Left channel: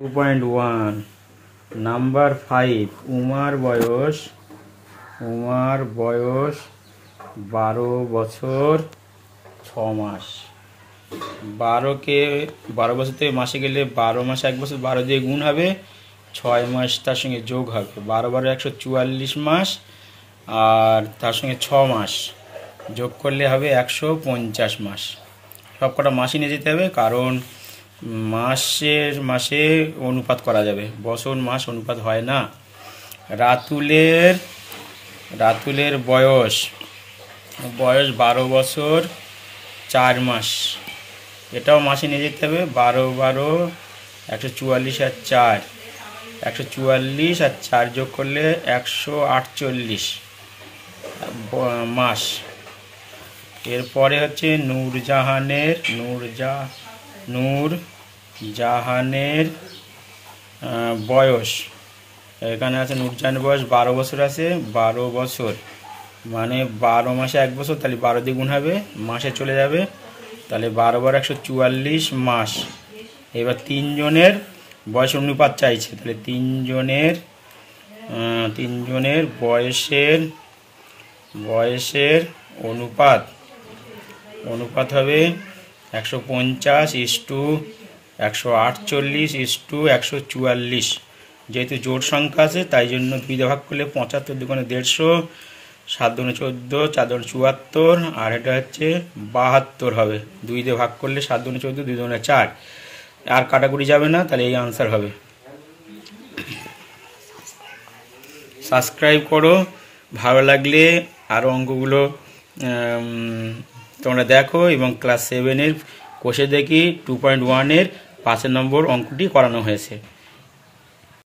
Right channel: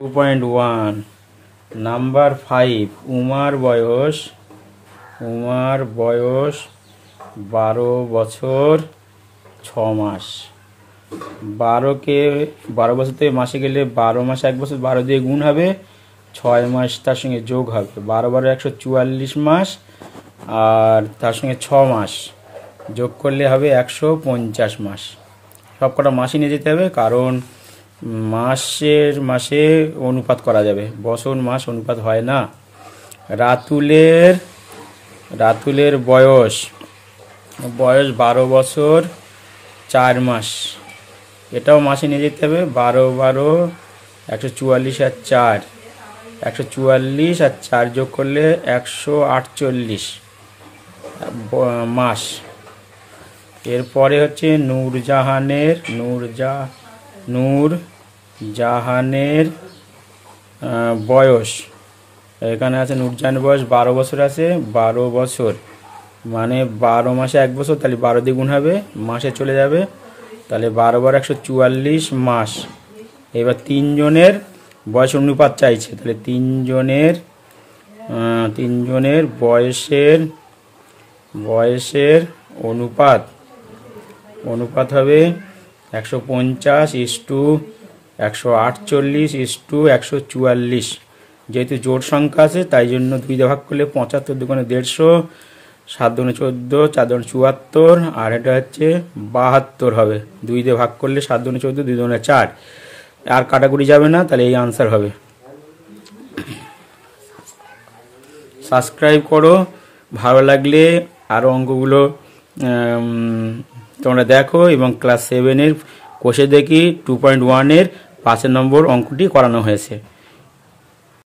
2.1 number 5 উমার বয়স 12 বছর 6 মাস। 12 বছর থেকে মাসে গেলে 12 মাস 1 বছর 12 দিয়ে গুণ হবে, 6 মাস তার সঙ্গে যোগ হবে, 12 144 মাস আর তার সঙ্গে 6 মাস যোগ করলে হবে 150 মাস। সব কটা মাসই নিয়ে যেতে হবে, কারণ মাসে অনুপাত করা যাবে, বছর মাস অনুপাত হয় না। রাতুলের বয়স 12 বছর 4 মাস, এটাও মাসে নিয়ে যেতে হবে। 12 144 আর 4 144 আর 4 যোগ করলে 148 মাস। এরপরে হচ্ছে নূরজাহানের বয়স, এখানে আছে নূরজাহানের বয়স 12 বছর আছে। 12 বছর মানে 12 মাসে 1 বছর, তাহলে 12 দিয়ে গুণ হবে, মাসে চলে যাবে, তাহলে 12 144 মাস। এবার তিনজনের বয়স অনুপাত চাইছে, তাহলে তিনজনের বয়সের অনুপাত হবে 150:148:144। যেহেতু জোড় সংখ্যা আছে তাই জন্য 2 দিয়ে ভাগ করলে 75, 2 × 150, 7 × 14, 4 × 74, আর এটা হচ্ছে 72 হবে। 2 দিয়ে ভাগ করলে 7 × 14, 2 × 4, আর কাটাকুটি যাবে না, তাহলে এই আনসার হবে। সাবস্ক্রাইব করো, ভালো লাগলে আরও অঙ্কগুলো তোমরা দেখো, এবং ক্লাস 7-এর কোষে দেখি 2.1-এর 5 নম্বর অঙ্কটি করানো হয়েছে।